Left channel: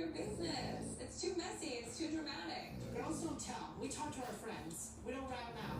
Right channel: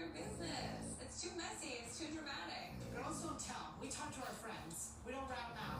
your business. It's too messy. It's too dramatic. Girls don't tell. We talk to our friends. We don't rat them out.